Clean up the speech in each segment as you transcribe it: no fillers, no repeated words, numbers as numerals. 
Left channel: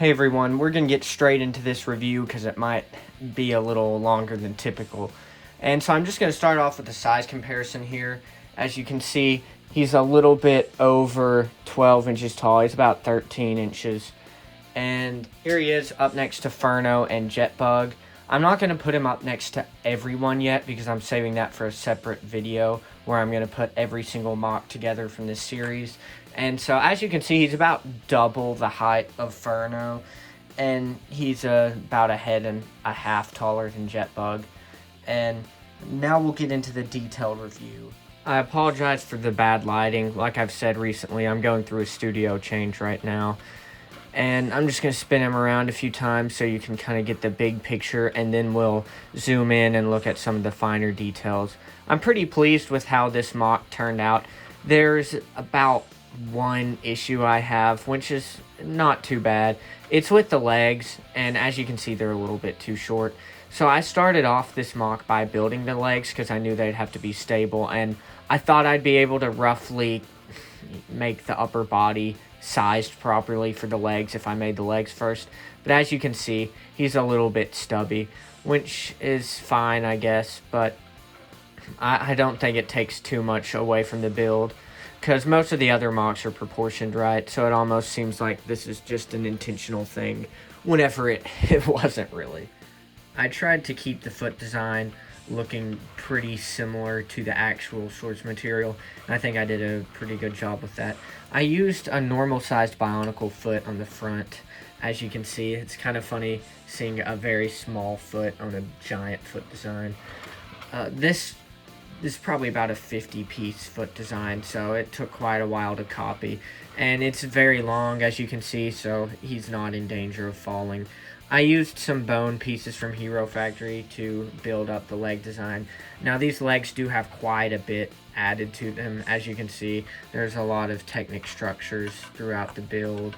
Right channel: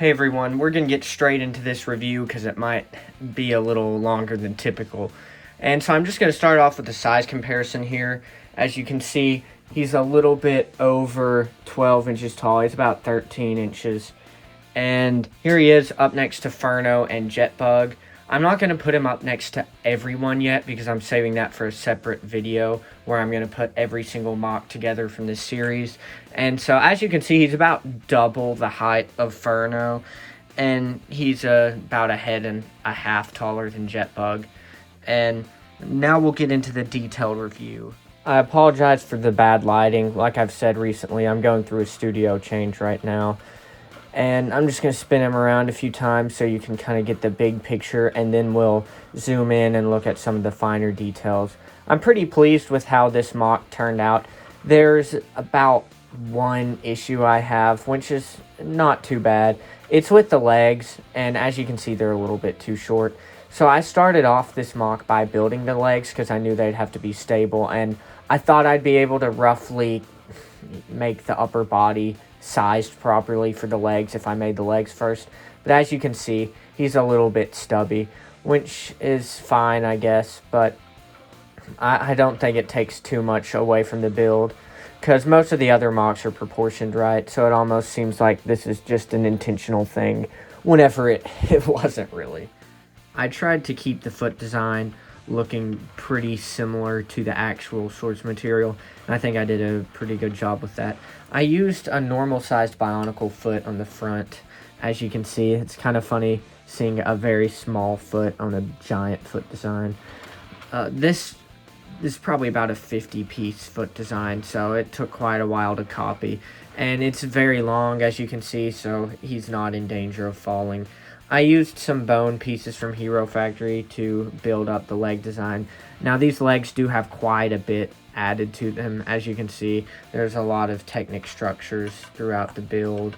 Hey everyone, we're going to get straight into this review because it might be a little longer than typical. And so I'm just going to start off with the size comparison here. As you can see, he's a little bit over 12 inches tall. He's about 13 inches. And here he is up next to Furno and Jetbug. I'm not going to put him up next to everyone yet because I'm saving that for a separate video where I'm going to put every single mock together from this series. And so as you can see, he's about double the height of Furno, and he's about a head and a half taller than Jetbug. And now we'll get into the detailed review. I apologize for the bad lighting. Like I've said recently, I'm going through a studio change right now. And I'm just going to spin him around a few times so you can kind of get the big picture, and then we'll zoom in and look at some of the finer details. I'm pretty pleased with how this mock turned out. There's about one issue I have, which is not too bad. It's with the legs, and as you can see, they're a little bit too short. So I started off this mock by building the legs because I knew they'd have to be stable, and I thought I'd be able to roughly make the upper body sized properly for the legs if I made the legs first. But as you can see, he's a little bit stubby, which is fine, I guess, but I don't think it takes too much away from the build because most of the other mocks are proportioned right, so it almost seems like this is just an intentional thing whenever it wasn't really. I tried to keep the foot design looking pretty similar to the actual source material, and I think I did a pretty good job with that. I used a normal sized bionicle foot on the front. As you can see, it's kind of funny seeing a very small foot on a giant foot design. This is probably about a 50-piece foot design, so it took quite a while to copy, and it's very long, as you can see, so he's not in danger of falling. I used some bone pieces from Hero Factory to build up the leg design. Now these legs do have quite a bit added to them. As you can see, there's a lot of Technic structures throughout the build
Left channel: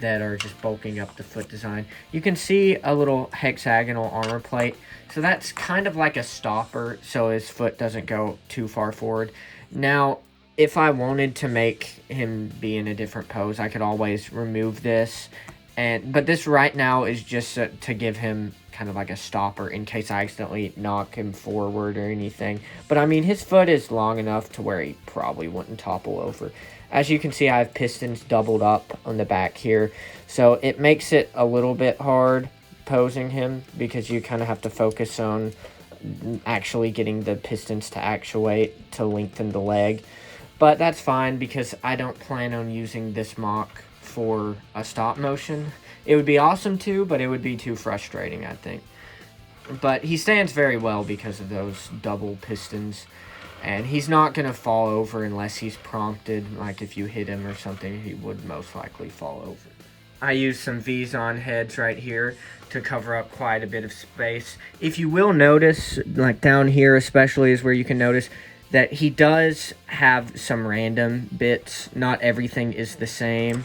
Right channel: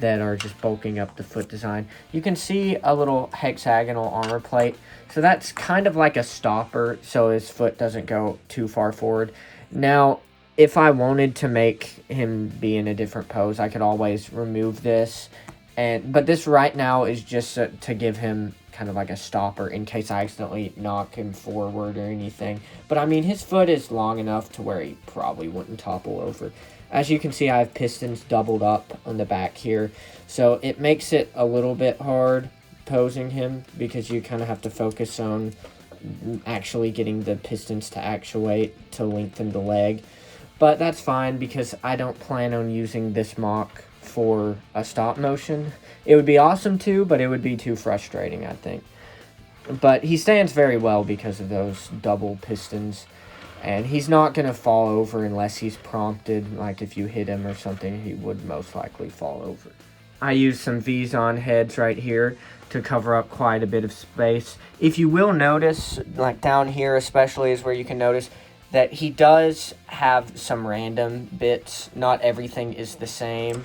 that are just bulking up the foot design. You can see a little hexagonal armor plate. So that's kind of like a stopper so his foot doesn't go too far forward. Now, if I wanted to make him be in a different pose, I could always remove this. But this right now is just to give him kind of like a stopper in case I accidentally knock him forward or anything. But I mean, his foot is long enough to where he probably wouldn't topple over. As you can see, I have pistons doubled up on the back here. So it makes it a little bit hard posing him because you kind of have to focus on actually getting the pistons to actuate to lengthen the leg. But that's fine because I don't plan on using this mock for a stop motion. It would be awesome too, but it would be too frustrating, I think. But he stands very well because of those double pistons, and he's not going to fall over unless he's prompted. Like if you hit him or something, he would most likely fall over. I used some Vizon heads right here to cover up quite a bit of space. If you will notice, like down here especially is where you can notice that he does have some random bits. Not everything is the same.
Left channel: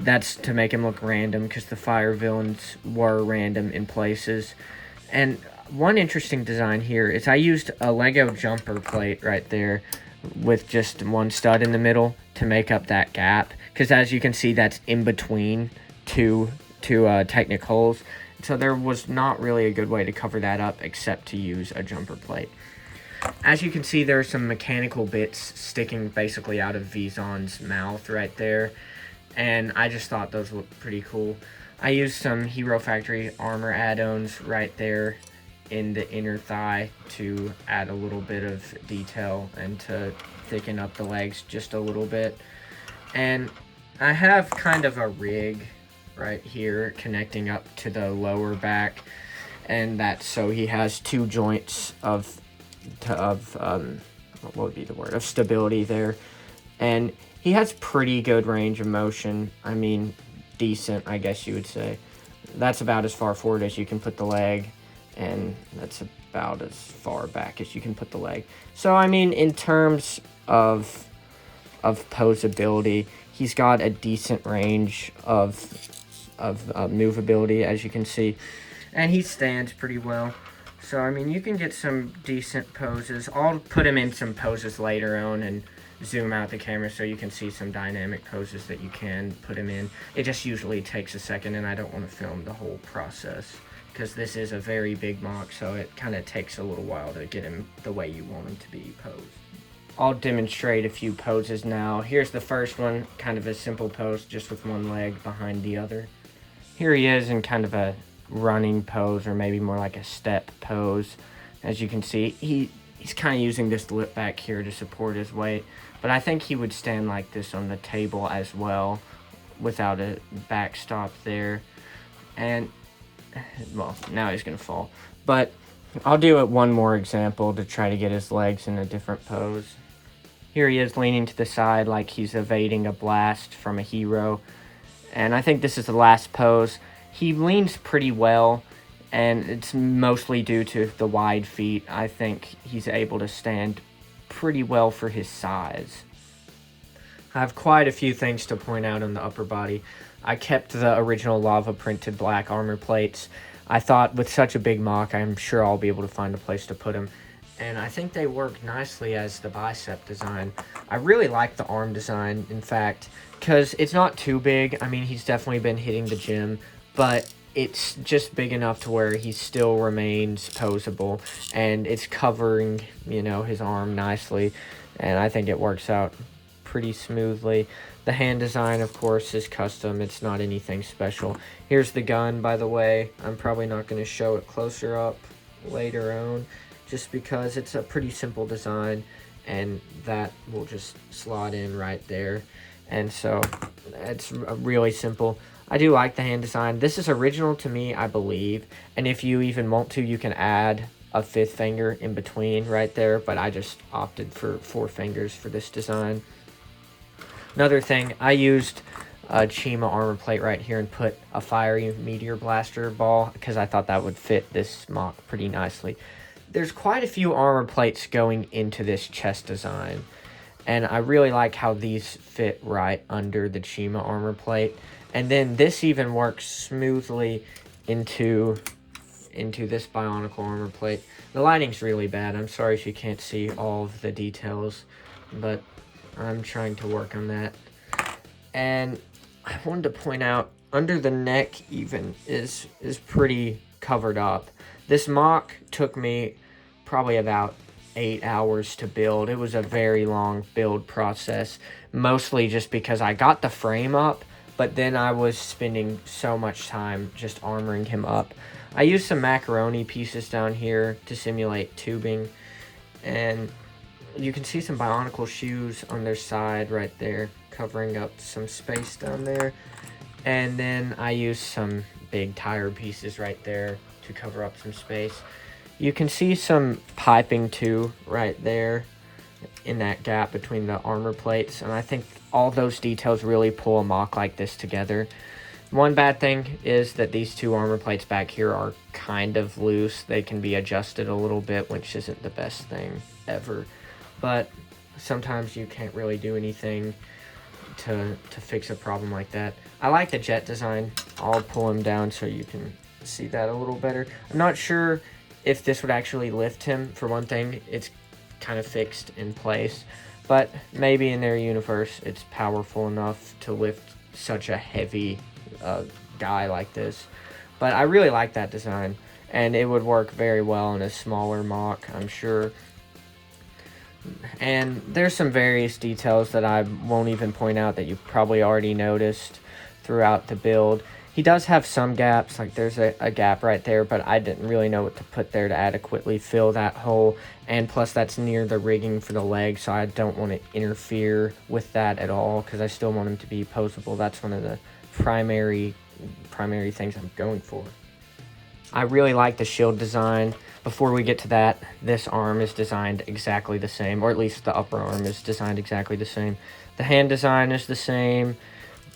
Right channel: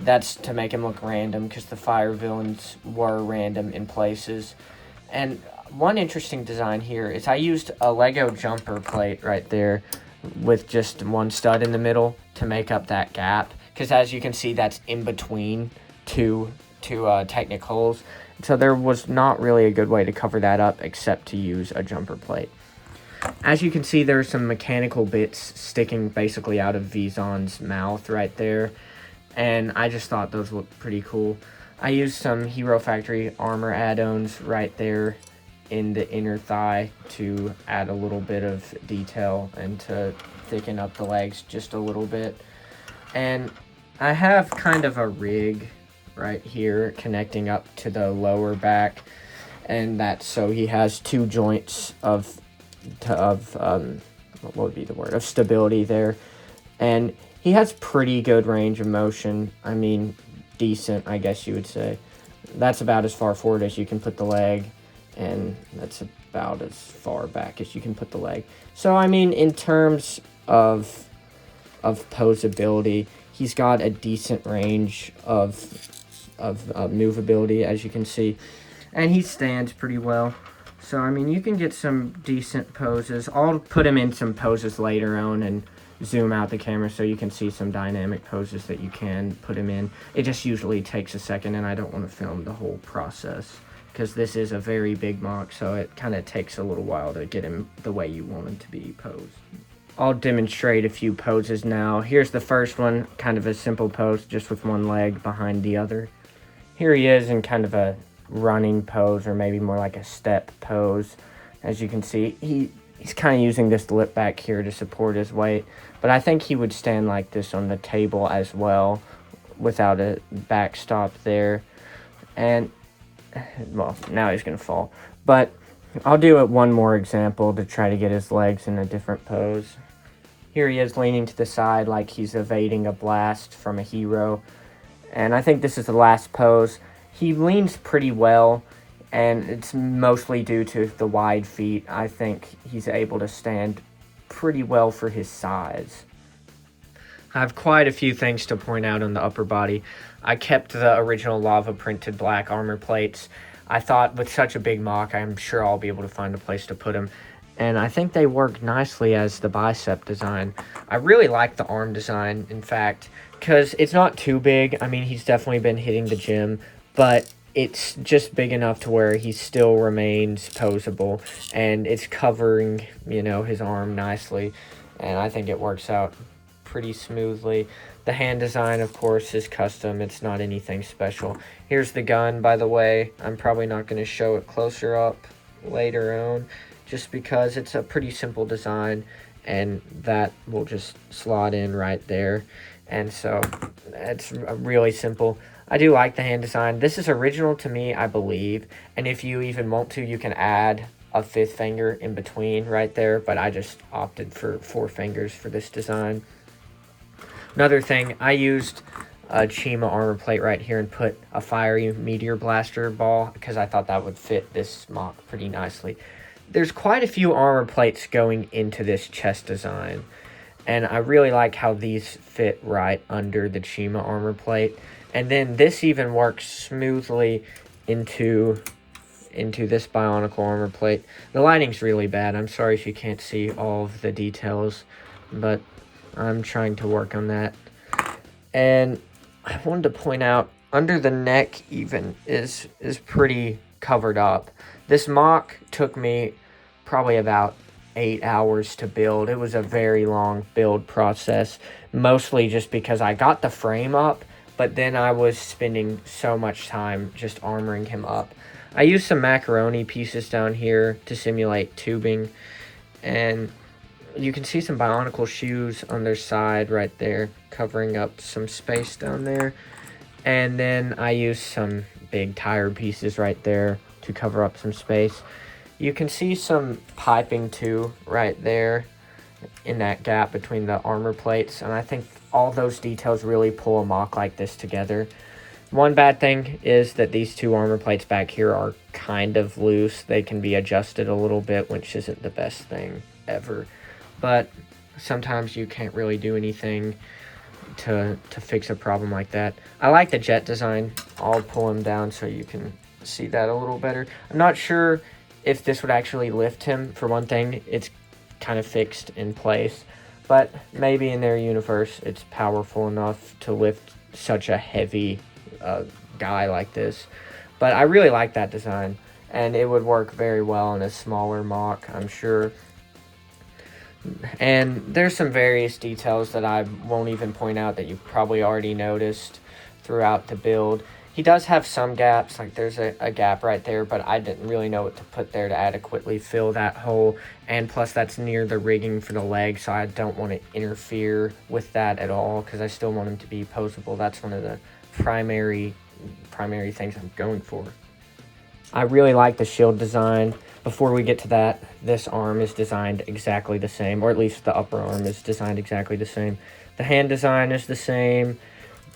That's to make him look random because the fire villains were random in places. And one interesting design here is I used a Lego jumper plate right there with just one stud in the middle to make up that gap. Because as you can see, that's in between two Technic holes. So there was not really a good way to cover that up except to use a jumper plate. As you can see, there are some mechanical bits sticking basically out of Vizon's mouth right there. And I just thought those looked pretty cool. I used some Hero Factory armor add-ons right there in the inner thigh to add a little bit of detail and to thicken up the legs just a little bit. And I have kind of a rig right here connecting up to the lower back, and that's so he has two joints of what would be the word, of stability there. And he has pretty good range of motion. I mean, decent, I guess you would say. That's about as far forward as you can put the leg, and that's about as far back as you can put the leg. So, I mean, in terms of posability, he's got a decent range of movability, as you can see. And he stands pretty well. So, I mean, you can get some decent poses. I'll put him in some poses later on and zoom out the camera so you can see some dynamic poses that you can put him in. It just usually takes a second, and I don't want to film the whole process because this is a very big MOC, so it kind of takes a little while to get him the way you want him to be posed. I'll demonstrate a few poses now. Here's the first one, kind of a simple pose, just with one leg behind the other. Here he is in kind of a running pose, or maybe more like a step pose. As you can see, he's kind of using this lip back here to support his weight, but I think he would stand like this on the table as well without a backstop there. And, well, now he's gonna fall. But I'll do it one more example to try to get his legs in a different pose. Here he is leaning to the side like he's evading a blast from a hero. And I think this is the last pose. He leans pretty well, and it's mostly due to the wide feet. I think he's able to stand pretty well for his size. I have quite a few things to point out on the upper body. I kept the original lava printed black armor plates. I thought with such a big MOC, I'm sure I'll be able to find a place to put them. And I think they work nicely as the bicep design. I really like the arm design, in fact, because it's not too big. I mean, he's definitely been hitting the gym, but it's just big enough to where he still remains posable, and it's covering, you know, his arm nicely, and I think it works out pretty smoothly. The hand design, of course, is custom. It's not anything special. Here's the gun, by the way. I'm probably not going to show it closer up later on, just because it's a pretty simple design, and that will just slot in right there. And so it's really simple. I do like the hand design. This is original to me, I believe, and if you even want to, you can add a 5th finger in between right there, but I just opted for 4 fingers for this design. Another thing, I used a Chima armor plate right here and put a fiery meteor blaster ball because I thought that would fit this MOC pretty nicely. There's quite a few armor plates going into this chest design, and I really like how these fit right under the Chima armor plate. And then this even works smoothly into this Bionicle armor plate. The lighting's really bad. I'm sorry if you can't see all of the details, but I'm trying to work on that. And I wanted to point out, under the neck even is pretty covered up. This MOC took me probably about 8 hours to build. It was a very long build process, mostly just because I got the frame up, but then I was spending so much time just armoring him up. I used some macaroni pieces down here to simulate tubing, and you can see some Bionicle shoes on their side right there, covering up some space down there. And then I used some big tire pieces right there to cover up some space. You can see some piping too right there in that gap between the armor plates, and I think all those details really pull a MOC like this together. One bad thing is that these 2 armor plates back here are kind of loose. They can be adjusted a little bit, which isn't the best thing ever. But sometimes you can't really do anything to fix a problem like that. I like the jet design. I'll pull him down so you can see that a little better. I'm not sure if this would actually lift him. For one thing, it's kind of fixed in place, but maybe in their universe it's powerful enough to lift such a heavy guy like this. But I really like that design, and it would work very well in a smaller MOC, I'm sure. And there's some various details that I won't even point out that you've probably already noticed throughout the build. He does have some gaps, like there's a gap right there, but I didn't really know what to put there to adequately fill that hole. And plus that's near the rigging for the leg, so I don't want to interfere with that at all, because I still want him to be posable. That's one of the primary things I'm going for. I really like the shield design. Before we get to that, this arm is designed exactly the same, or at least the upper arm is designed exactly the same. The hand design is the same,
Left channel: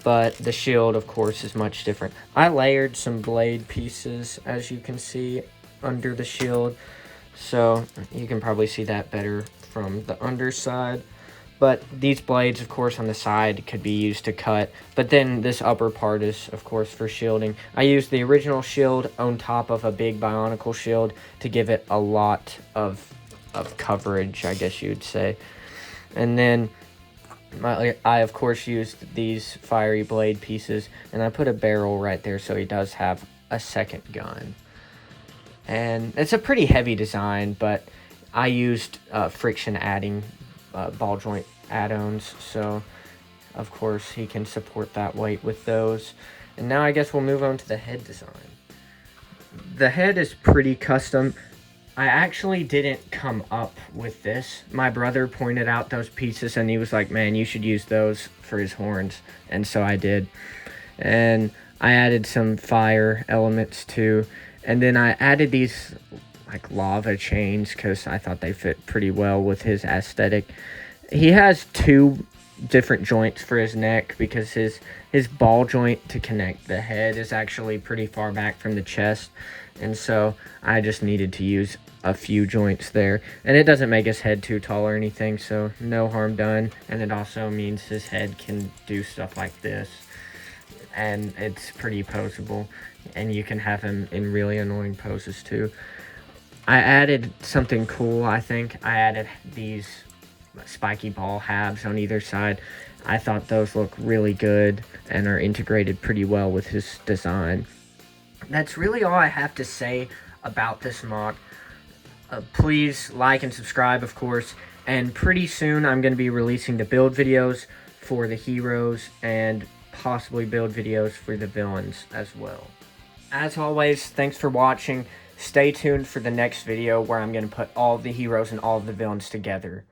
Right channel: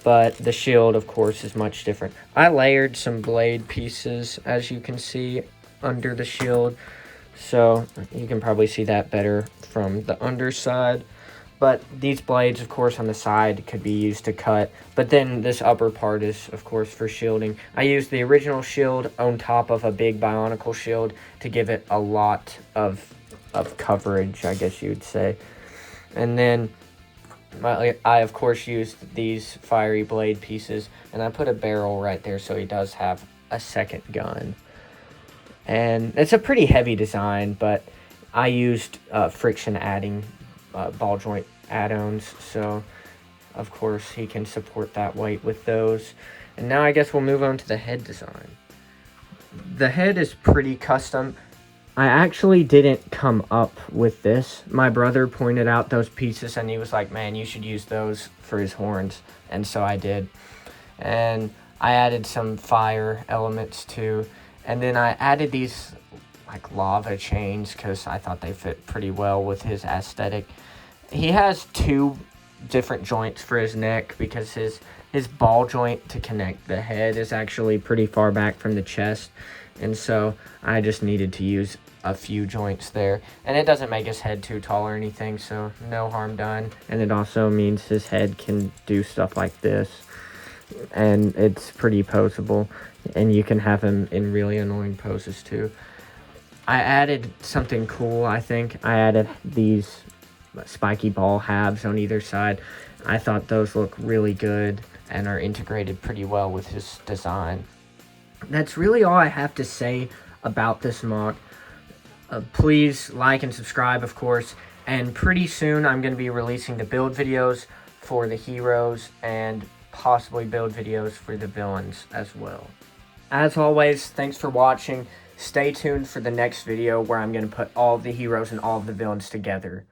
but the shield, of course, is much different. I layered some blade pieces, as you can see, under the shield, so you can probably see that better from the underside. But these blades, of course, on the side could be used to cut, but then this upper part is, of course, for shielding. I used the original shield on top of a big Bionicle shield to give it a lot of coverage, I guess you would say. And then I of course used these fiery blade pieces, and I put a barrel right there so he does have a second gun. And it's a pretty heavy design, but I used friction adding ball joint add-ons, so of course he can support that weight with those. And now I guess we'll move on to the head design. The head is pretty custom. I actually didn't come up with this. My brother pointed out those pieces and he was like, man, you should use those for his horns. And so I did. And I added some fire elements too. And then I added these like lava chains because I thought they fit pretty well with his aesthetic. He has two different joints for his neck because his ball joint to connect the head is actually pretty far back from the chest. And so I just needed to use a few joints there. And it doesn't make his head too tall or anything, so no harm done. And it also means his head can do stuff like this. And it's pretty poseable. And you can have him in really annoying poses too. I added something cool, I think. I added these spiky ball halves on either side. I thought those look really good and are integrated pretty well with his design. That's really all I have to say about this MOC. Please like and subscribe, of course, and pretty soon I'm going to be releasing the build videos for the heroes and possibly build videos for the villains as well. As always, thanks for watching. Stay tuned for the next video where I'm going to put all of the heroes and all of the villains together.